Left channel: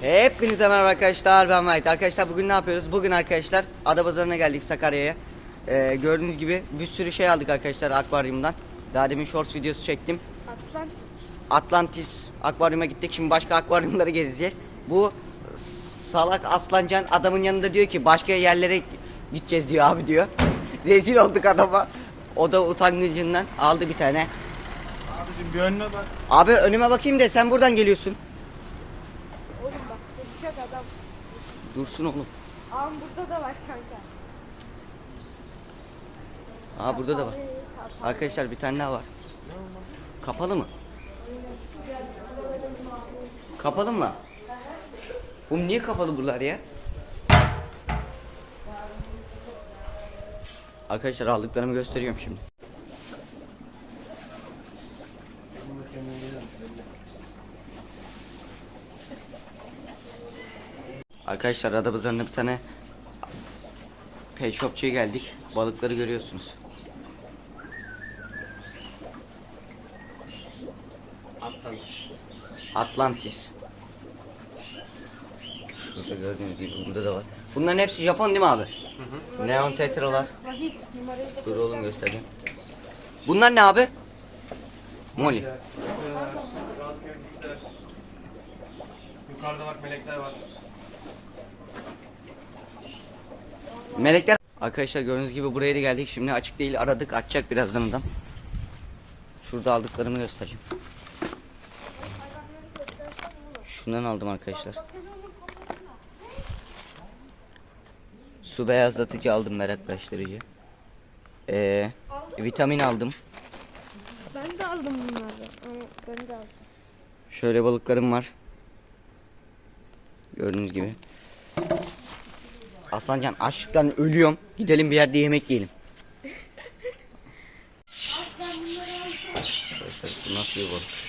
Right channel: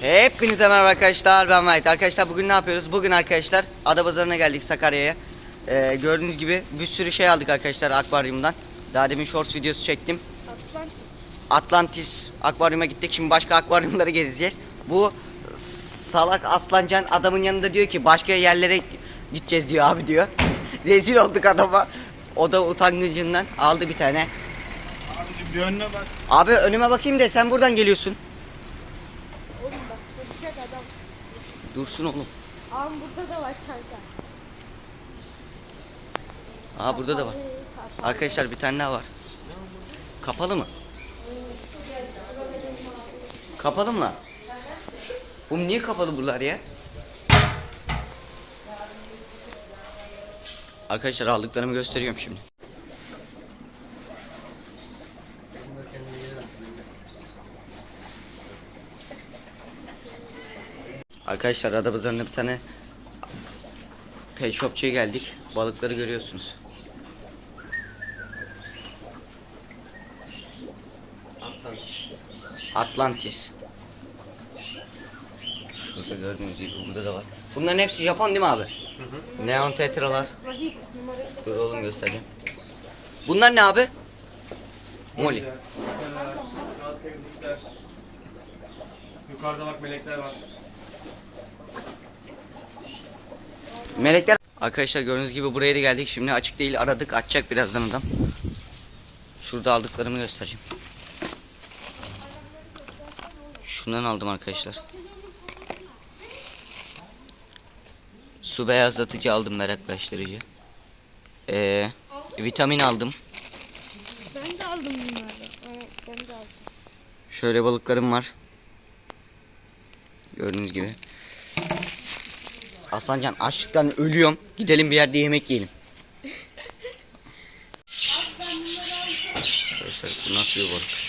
Hepinize merhaba arkadaşlar ben Mehmet. Arkadaşlar bugün ne yapıyoruz? Bugün arkadaşlar Adapazarı'na geldik Sakarya'ya. Ee, gördüğünüz gibi bir sürü şey aldık arkadaşlar akvaryumdan. Daha demin shorts videosu çektim. Atlantik. Atlantis akvaryuma gittik. Şimdi başka akvaryumları gezeceğiz. Bu salak aslancan adamın yanında diyor ki başka yerlere gideceğiz diyor abi diyor. Rezil olduk adama. O da utangıcından aldı bir tane. Bir önüne bak. Abi önüme bakayım de sen buradan geliyorsun. Adam. Dursun oğlum. Ağam burada da var kanka. Aa burada da var. Arkadaşlar bir tane daha var. Kapalı mı? Kapalı mı lan? Oğlum niye kapalı buralar ya? Arkadaşlar aldıklarımı gösteriyorum şimdi. Arkadaşlar Adapazarı'nda bir tane pet shopçuya geldik. Balıkları görüyorsunuz. Atlantis. Şurada gördüğünüz gibi burada da var. Bunların hepsi Japon değil mi abi? Neon tetralar. Vahit numarayı da Dur oğlum göstereyim. Bunlar ne abi? Molly. Raskelikler. Yukarıda bak melekler var. Melekler. Arkadaşlar gördüğünüz gibi buraya da geldik. Şimdi açık değil aradık. Açacak birazdan adam. Şurada aldıklarımı göstereceğim. Şundan aldım arkadaşlar. Su beyazlatıcı aldım meraklaştırıcı. Ee, vitamin aldım. Ben de aldım bunları. Ben de aldım. Şöyle balıklarım var. Gördüğünüz gibi. Aslancan açlıktan ölüyorum. Gidelim bir yerde yemek yiyelim. Arkadaşlar bu nasıl bir balık?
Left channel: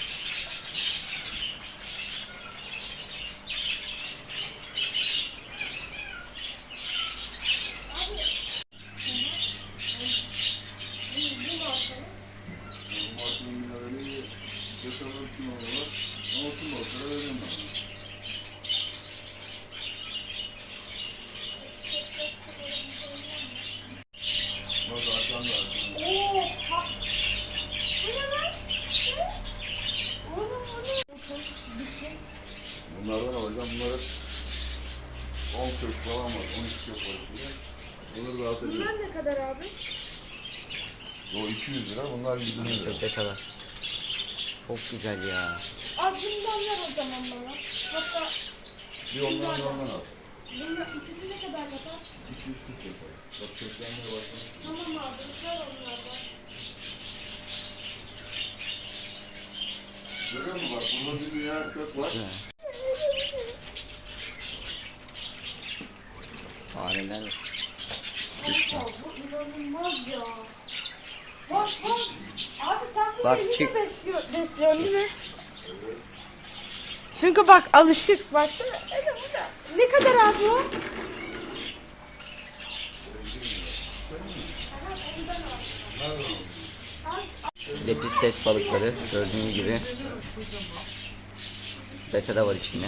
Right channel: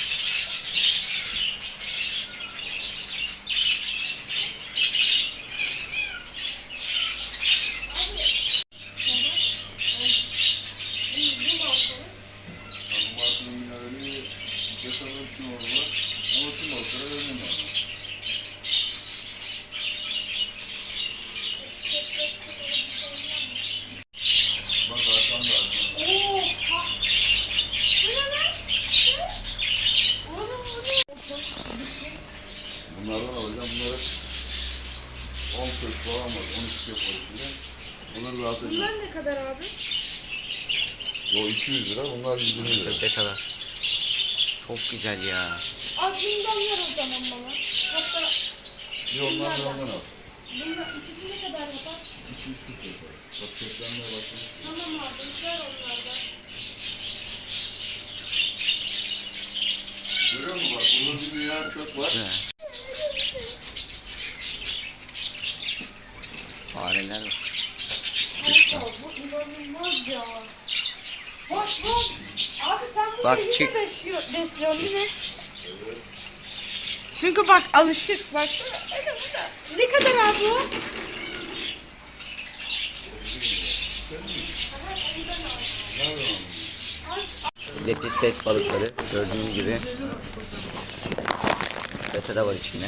Bunlardan alacağım. Bunlar 10 kök falan var. 12 kök var içinde. Bunları rahat ediyor. Bunlar ne kadar abi? O 200 lira. Bunlar 120 lira. Köpek kadar. Çok güzel ya. Al bundan ver o zaman bana. Hatta Bir ondan da ondan al. bunlar ikisi ne kadar yapar? 200 kök yapar. Bak köklenmeye başladı. Tamam abi ver onlardan. Görüyor musun bak? Burada bir dünya kök var. Güzel. Fareler var. Kanka bu inanılmaz ya. Bak bak. Abi sen bunu Bak, yine çık. besliyor, besliyorsun değil mi? Çünkü bak alışık baksana. Öyle öyle. Ne kadar abi o? Lepistes balıkları gördüğünüz gibi. Beta da var içinde.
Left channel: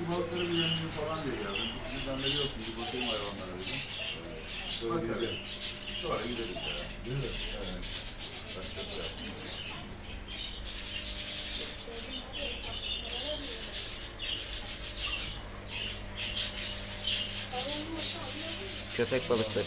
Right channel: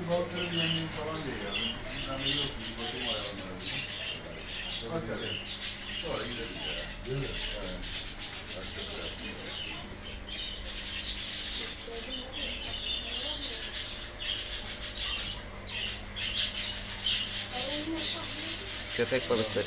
Bu balıkların yemini falan diye geldim. Bizden beri yok. Bir bakayım hayvanlara. dedim. Şöyle gidelim. Sonra gidelim ya. Değil mi? Evet. Bak çok güzel. Köpek balıkları.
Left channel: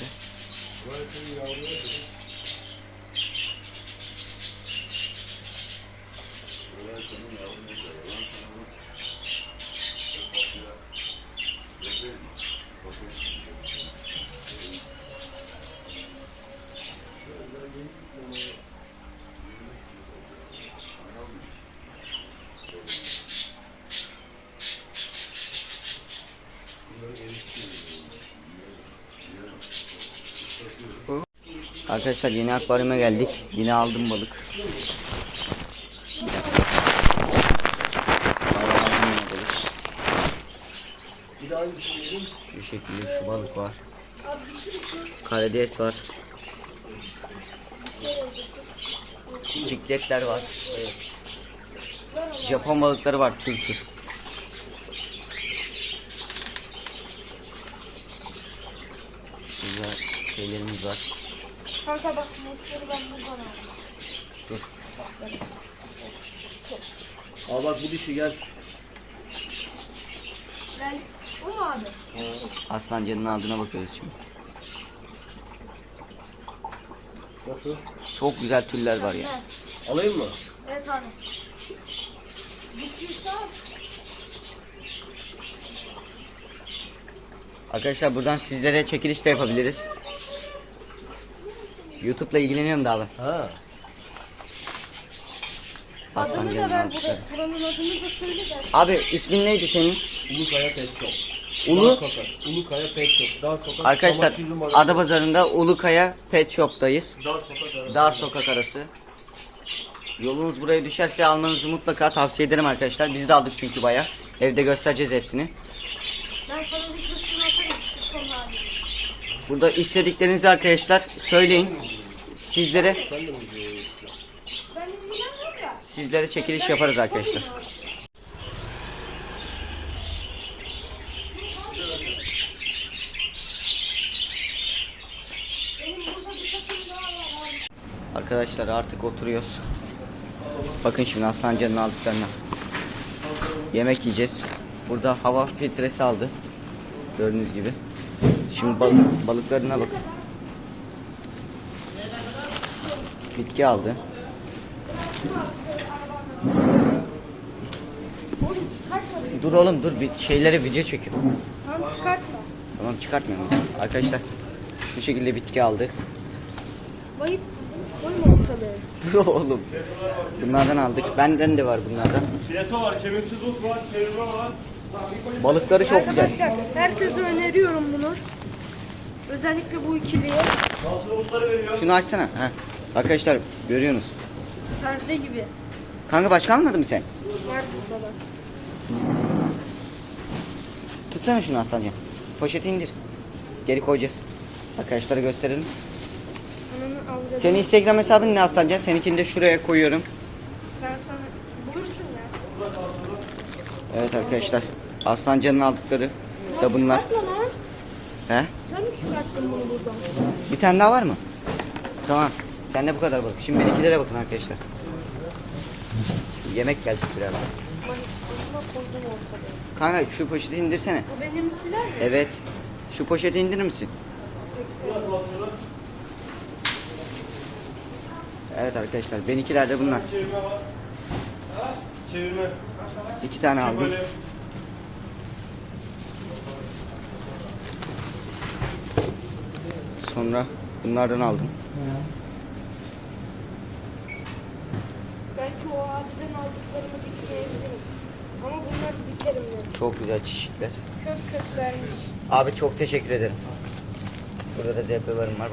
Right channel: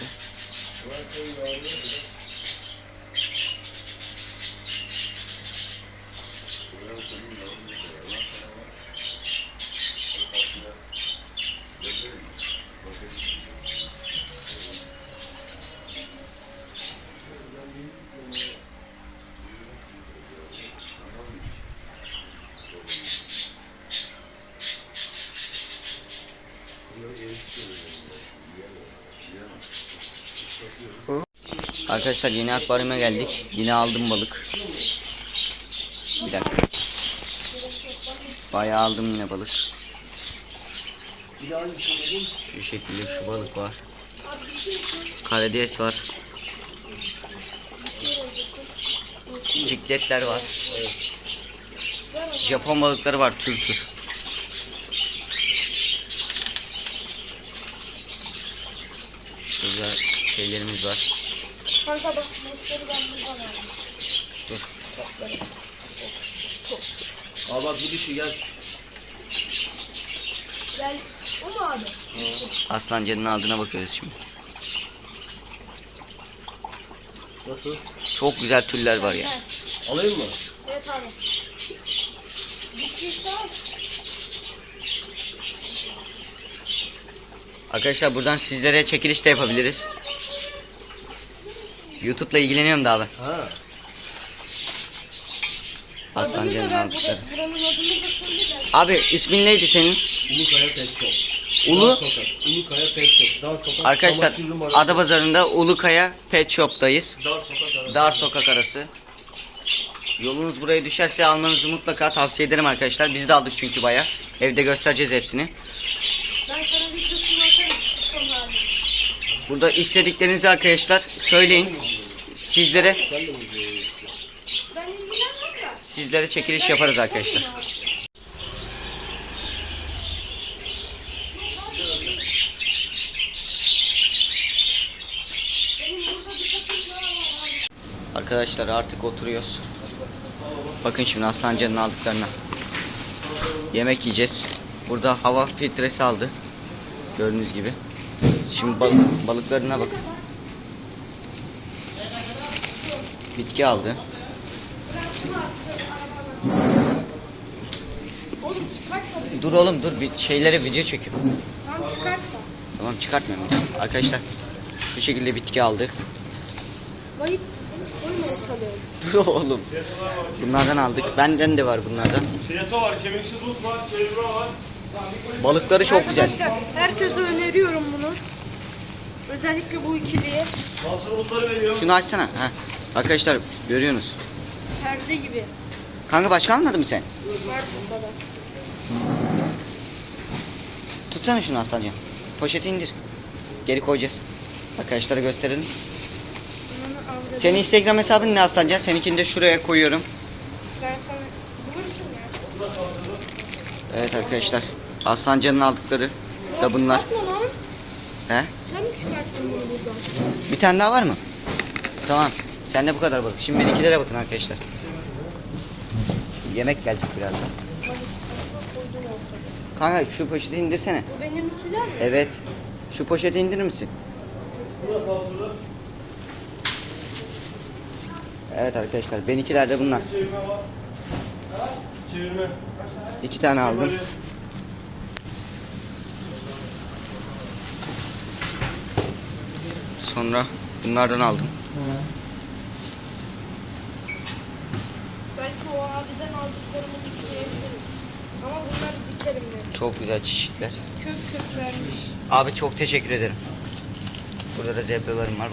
Arkadaşlar yeni akvaryuma geldik. Yine aldım balık. Bayağı aldım yine balık. Şu şekilde şu balık var. Karides var. Cikletler var. Japon balıkları var tür tür. Şurada şeylerimiz var. Kanka bak mutları ben buradan aldım. Dur. Al bak bu dişi gel. Ben o mu abi? Aslancanın aldığına bakıyoruz şimdi. Nasıl? Çok güzel türler var ya. Alayım mı? Evet abi. Bitirse al. Arkadaşlar buradan sizlere çekiliş de yapabiliriz. YouTube'la ilgileniyorum da abi. Ha. Aslancanın Adını da ben aldıkları. Buranın adını da söyleyeceğim. Abi ismin neydi senin? Ulukaya Pet Shop. Ulu? Ulukaya Pet Shop. Dar Sokak. Arkadaşlar. Adapazarı'nda Ulukaya Pet Shop'tayız. Dar Sokak arası. Dar sokak arası. Yolunuz buraya düşerse almanızı mutlaka tavsiye ederim arkadaşlar. Biz de aldık çünkü baya. Evde göstereceğiz hepsini. Ben sana bir. Burada istediklerinizi arkadaşlar söyleyin. Sizlere sizlere çekiliş yaparız arkadaşlar. Arkadaşlar artık oturuyoruz. Bakın şimdi Aslancan'ın aldıklarına. Yemek yiyeceğiz. Burada hava filtresi aldı. Gördüğünüz gibi. Şimdi balık, balıklarına bakın. Bitki aldı. Oğlum çıkartma. Dur oğlum dur bir şeylere video çekiyorum. Tamam çıkartma. Tamam çıkartmıyorum. Arkadaşlar bu şekilde bitki aldık. Ortalığı. Dur oğlum. Bunlardan aldık. Benden de var bunlardan. Fileto var, kemiksiz ot var, çevirme var. Balıkları çok güzel. Arkadaşlar herkese öneriyorum bunu. Özellikle bu ikiliye. Mahsur otları veriyor. Şunu açsana. Heh. Arkadaşlar görüyorsunuz. Perde gibi. Kanka başka almadın mı sen? Var burada da. Tutsana şunu aslancan. Poşeti indir. Geri koyacağız. Arkadaşlara gösterelim. Ananı. Senin Instagram hesabın ne aslancan? Seninkini de şuraya koyuyorum. Ben sana bulursun ya. Evet arkadaşlar. Aslancanın aldıkları da bunlar. He? Sen mi çıkarttın bunu buradan? Bir tane daha var mı? Tamam. Sen de bu kadar bak. Şimdi benimkilere bakın arkadaşlar. Şimdi yemek gelecek birazdan. Kanka şu poşeti indirsene. Bu benimkiler mi? Evet. Şu poşeti indirir misin? Evet arkadaşlar. Benimkiler de bunlar. Çevirme. İki tane aldım. Sonra bunlardan aldım. Belki abiden aldıklarımı dikleyebilirim. Ama bunları dikerim ben. Çok güzel çeşitler. Kök kök vermiş. Abi çok teşekkür ederim. Burada da zebralarım var.